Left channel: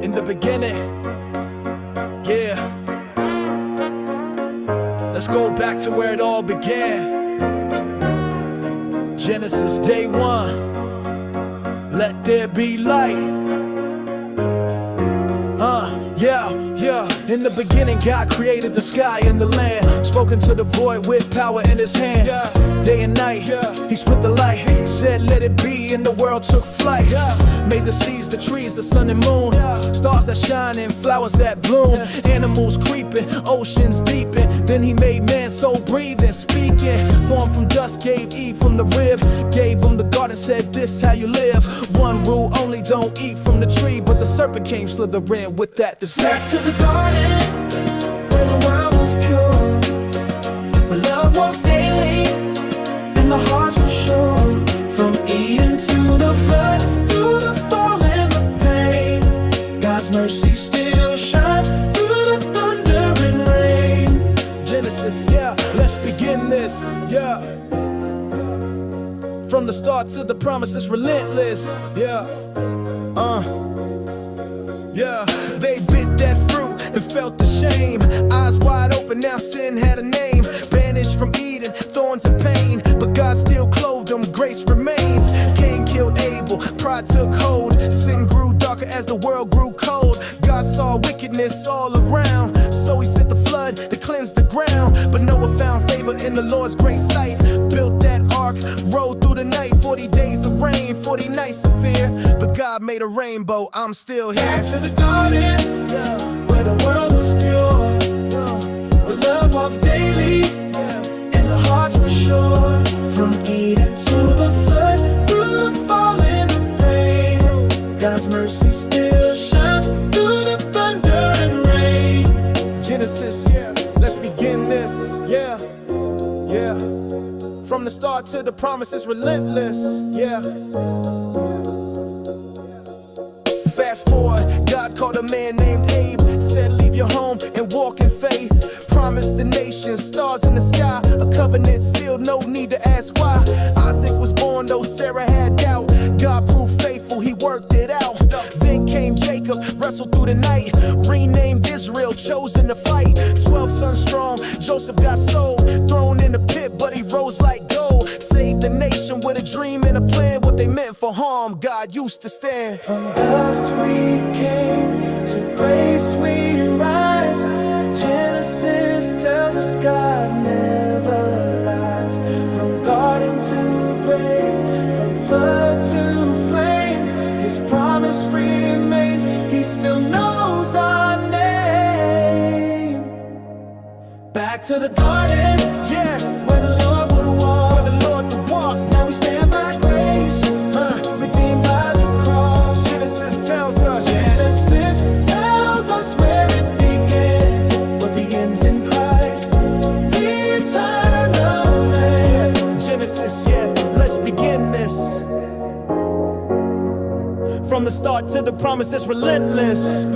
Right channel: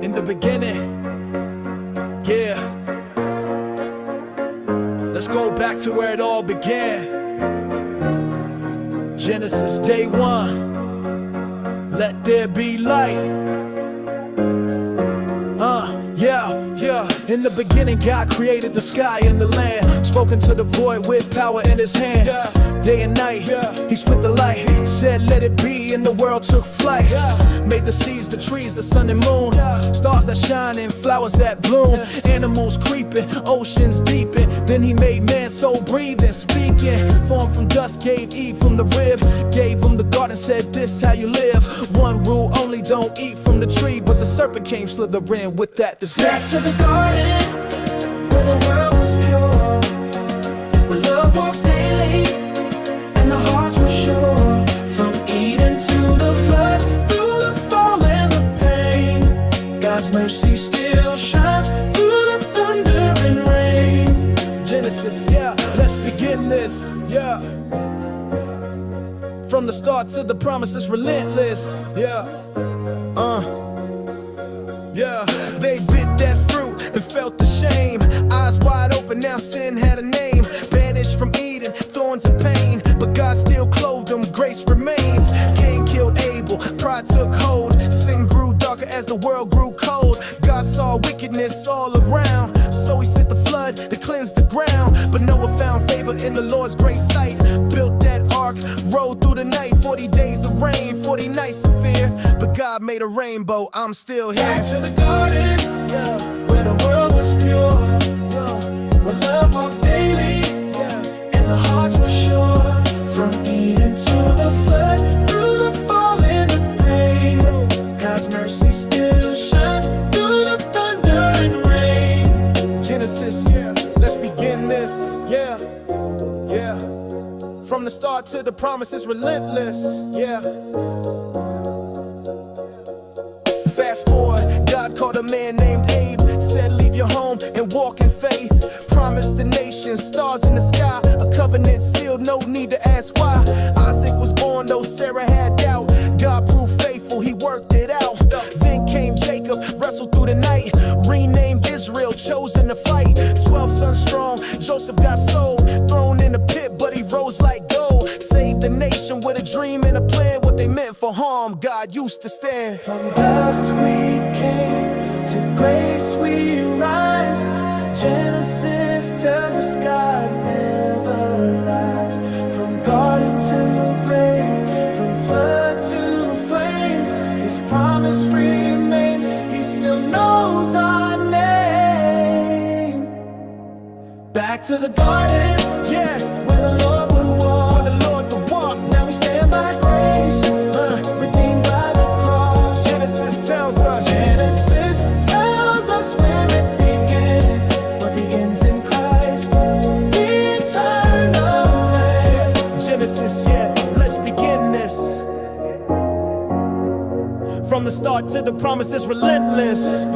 In the beginning, yeah. Let's go back to where it all began. Genesis day one. Let there be light. Yeah. In the beginning, God created the sky and the land. Spoken to the void with power in his hand. Day and night, he split the light. He said, let it be, and the world took flight. Made the seas, the trees, the sun and moon. Stars that shine and flowers that bloom. Animals creeping, oceans deeping. Then he made man, soul breathing, speaking. Formed from dust, gave Eve from the rib. Gave him the garden, said, this how you live. One rule only, don't eat from the tree. But the serpent came slithering with that deceit. Back to the garden, where the world was pure, where love walked daily, and the hearts were sure. From Eden to the flood, through the fall and the pain, God's mercy still shines through the thunder and rain. Genesis, let's begin this, From the start to the promise, it's relentless, They bit that fruit and felt the shame. Eyes wide open, now sin had a name. Banished from Eden, thorns and pain. But God still clothed them, grace remains. Cain killed Abel, pride took hold. Sin grew darker as the world grew cold. God saw wickedness all around, so he sent the flood to cleanse the ground. But Noah found favor in the Lord's great sight. Built that ark, rode through the night. 40 days of rain, 40 nights of fear. But God made a rainbow, I'm still here. Back to the garden, where the world was pure, where love walked daily, and the hearts were sure. From Eden to the flood, through the fall and the pain, God's mercy still shines through the thunder and rain. Genesis, let's begin this, From the start to the promise, it's relentless, Fast forward, God called a man named Abe. Said leave your home and walk in faith. Promised the nation, stars in the sky. A covenant sealed, no need to ask why. Isaac was born though Sarah had doubt. God proved faithful, he worked it out. Then came Jacob, wrestled through the night. Renamed Israel, chosen to fight. 12 sons strong, Joseph got sold. Thrown in the pit, but he rose like gold. Saved the nation with a dream and a plan. What they meant for harm, God used to stand. From dust we came, to grace we rise. Genesis tells us God never lies. From garden to grave, from flood to flame, his promise remains, he still knows our name. Back to the garden, where the Lord would walk, Now we stand by grace, redeemed by the cross. Genesis tells us where it began, what begins in Christ, the eternal land. Genesis, let's begin this. From the start to the promise, it's relentless,